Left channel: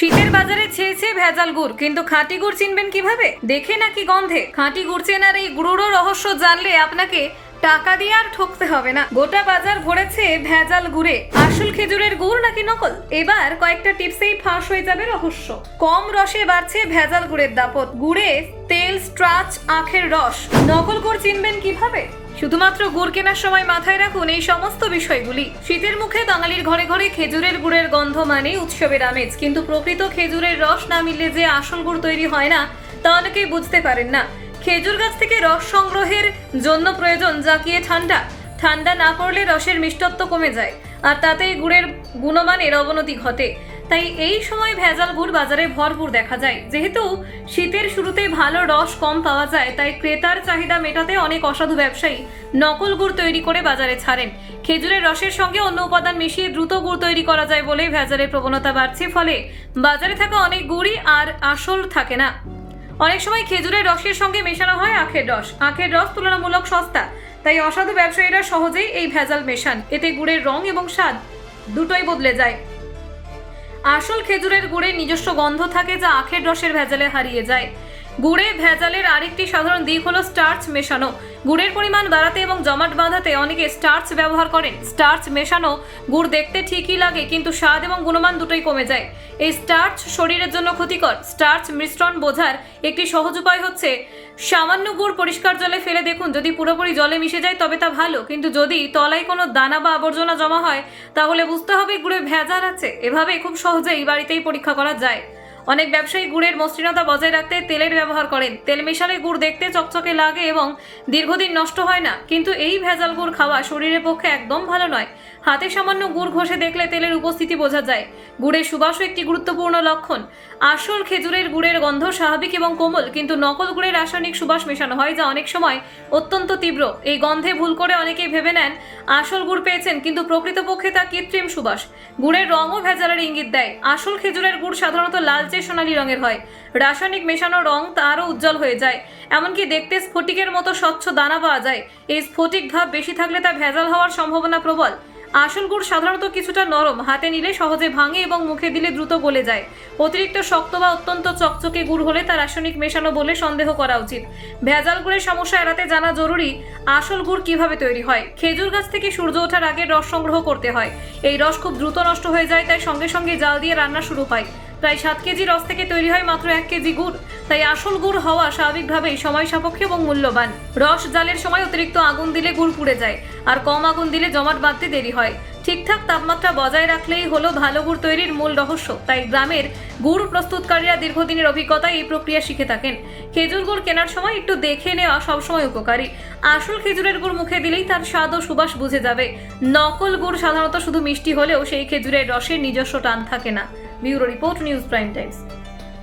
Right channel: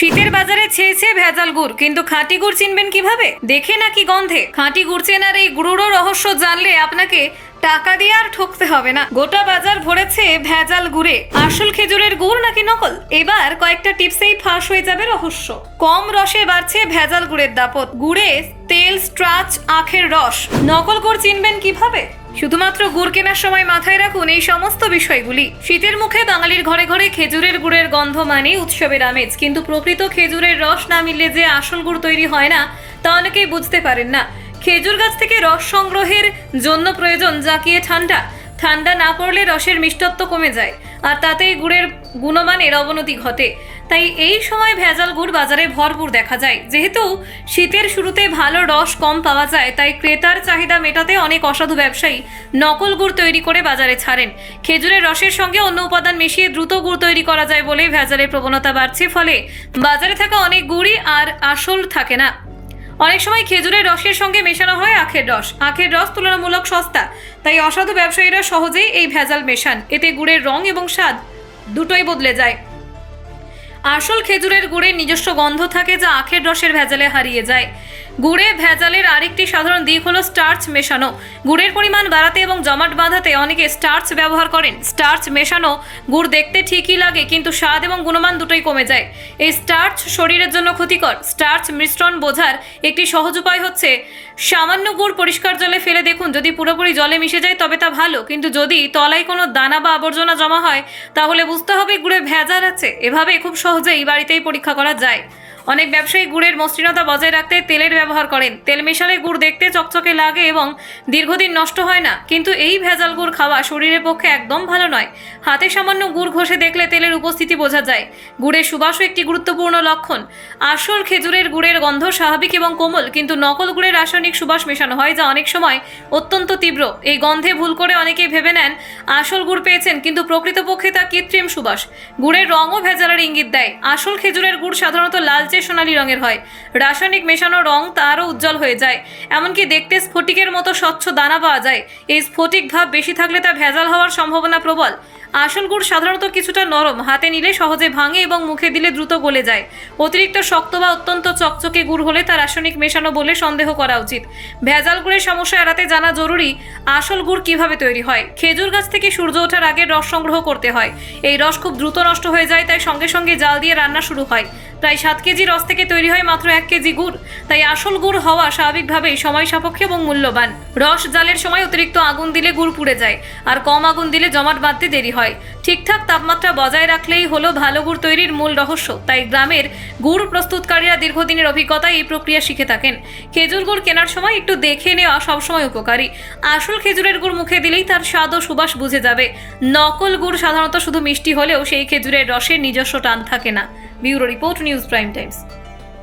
শীতের বাজারে ছেয়েছে ভেজাল গুড়, কিন্তু খাঁটি গুড় চিনবেন কিভাবে? দেখে নাকি গন্ধে? খাঁটি গুড় চেনার এই গুড়োরও রহস্য জানলে আপনাকে টাকা দিয়ে আর ঠকতে হবে না। গোটা বাজার ভরেছে ভেজাল গুড়ে। আসল খেজুরের গুড় নাকি নকল? এবার কয়েকটা টিপসেই ফাঁস হয়ে যাবে রহস্য। কম রসে বাড়ছে ভেজাল গুড়ের দাপট। গুড়ে তেল, স্টার্চ, আখের রস। নকল গুড় চিনবেন কিভাবে? শুধুমাত্র গুড় কেনার সময় মাথায় রাখুন এই সমস্ত বিষয়গুলি। শীতের মুখে বাঙালির ঘরে ঘরে খেজুরের গুড়ের গন্ধ মানেই উৎসবের আমেজ, কিন্তু প্রকৃত খেজুরের রস না মিললে যে আসল গুড় তৈরি হয় না তা অনেকেই বুঝতে পারেন না। খেজুর গাছ থেকে রস সংগ্রহের জন্য প্রয়োজন জাকিয়ে ঠান্ডা না করলে রসের মিষ্টত্ব কমে যায়, আর তাতেই গুড়ের গুণমানের অবনতি ঘটে। তাই এই সময় ভেজাল গুড় বাজারে ভরপুর দেখা যায়। যেহেতু শীতের শুরুতে ভালো রস কম পাওয়া যায়, তাই ক্রেতার চাহিদা মেটাতে অনেক অসাধু ব্যবসায়ী নকল গুড় তৈরি করে বাজারে ছাড়েন। খেজুরের রসের সঙ্গে অন্য উপাদান মিশিয়ে দ্রুত গুড় তৈরি করা যায় বলেই ভেজালের প্রবণতা বাড়ছে। ফলে বাজারে থাকা অনেক গুড়ই আর আসল থাকে না। অনেক সময় খেজুরের রসের সঙ্গে মেশানো হয় আখের রস। আখের রস তুলনামূলক সস্তা, তাই অসাধু ব্যবসায়ীরা সহজেই এই ভেজাল মেশান। এতে গুড়ের রং এবং স্বাদ দুটোই বদলে যায়। আসল খেজুরের গুড়ের নিজস্ব গন্ধ থাকে, যা আখের রসের ভেজালে হারিয়ে যায়। গুড়ে ভেজালের আরেকটি সাধারণ দিক হলো স্টার্চ মেশানো। গুড়ের পরিমাণ বাড়াতে এবং জমাট বাঁধাতে অনেকে স্টার্চ ব্যবহার করেন। স্টার্চ মেশানো গুড় দেখতে ঠিকই লাগে, কিন্তু স্বাদ এবং গুণমান দুটোই কমে যায়। এই স্টার্চ শরীরের জন্য ক্ষতিকর। স্টার্চ মিশ্রণ বোঝার একটি সহজ উপায় হচ্ছে সামান্য গুড় পরিষ্কার জলে ফেলে দেখুন। যদি পুরোপুরি জলে মিশে যায় তবে তা ভালো, কিন্তু যদি তলায় কোনো দানা বা আবর্জনা জমা হয় তাহলে বুঝতে হবে গুড়ে ভেজাল আছে। এভাবে খুব সহজেই বাড়িতেই পরীক্ষা করা যায়। অনেক ব্যবসায়ী গুড়ের মসৃণতা বজায় রাখতে তেলের ব্যবহার করেন। তেল মেশালে গুড় দেখতে চকচকে লাগে এবং দীর্ঘদিন নষ্ট হয় না, কিন্তু এই ভেজাল গুড় খাওয়া শরীরের পক্ষে একদম ভালো নয়। হাতে সামান্য গুড় ঘষে দেখলে তেলের উপস্থিতি বোঝা যায়। গুড়ের সুবাসও একটি গুরুত্বপূর্ণ লক্ষণ। আসল খেজুরের গুড়ের গন্ধ স্বাভাবিক এবং কোমল, কিন্তু নকল গুড়ের রাসায়নিক সুবাস মেশানো হয়, যা অনেক সময় অত্যন্ত তীব্র। এই গন্ধে ভুল করে অনেকেই ভেবে নেন আসল গুড় পেয়েছেন, কিন্তু প্রকৃতপক্ষে তা কৃত্রিম সুবাস। গুড়ের রঙও ভেজালের ইঙ্গিত দেয়। আসল খেজুরের গুড় সাধারণত লালচে সোনালী রঙের হয়। রাসায়নিক মেশানো রং তারও উজ্জ্বল হয়ে যায়। এমনকি দেখতে স্ফটিকের মতো স্বচ্ছ দানা পাওয়া যায়। এই স্ফটিক ভাব বেশি থাকলে তা ভেজাল হওয়ার সম্ভাবনা প্রবল। আসল গুড় সাধারণত কিছুটা নরম, হাতে নিলে সহজে ভাঙে এবং মুখে দিলে দ্রুত গলে যায়। অতিরিক্ত শক্ত বা অত্যন্ত চকচকে গুড় হলে তা রাসায়নিক মেশানো বলে সন্দেহ করা উচিত। ভেজাল গুড়ের সমস্যা এড়াতে জানা জরুরি আসল গুড় কিভাবে তৈরি হয়। খেজুর গাছ থেকে সূর্য ওঠার আগে রস সংগ্রহ করতে হয়। এই রস খুব দ্রুত নষ্ট হয়ে যায়, তাই সঙ্গে সঙ্গে জাল দিয়ে রান্না শুরু হয়। প্রায় 7 কেজি রস থেকে তৈরি হয় মাত্র 1 কেজি গুড়। তাই আসল গুড় হওয়া স্বাভাবিকভাবেই সময় সাপেক্ষ এবং মূল্যবান। রস জালের সময় অতিরিক্ত আগুন দিলে গুড় পুড়ে যায়, আর কম আগুন দিলে জমাট বাঁধতে দেরি হয়। ঠিকঠাক তাপমাত্রা বজায় রাখলেই হলো ভালো গুড় তৈরির মূল রহস্য। তাই গ্রামের গুড় প্রস্তুতকারীরা দীর্ঘদিনের অভিজ্ঞতায় এই প্রক্রিয়া শিখে থাকেন। খেজুর গুড় কেনার সময় একটু দেখে নেওয়া সবসময় উপকারী। আসল খেজুরের গুড় মুখে দিলেই তার স্বাদ ও সুবাস বুঝে যাবে। নকল গুড় সাধারণত শুধু মিষ্টি হলেও সেই খেজুরের রসের নিজস্ব টান থাকে না। Bureau report, news prime Times.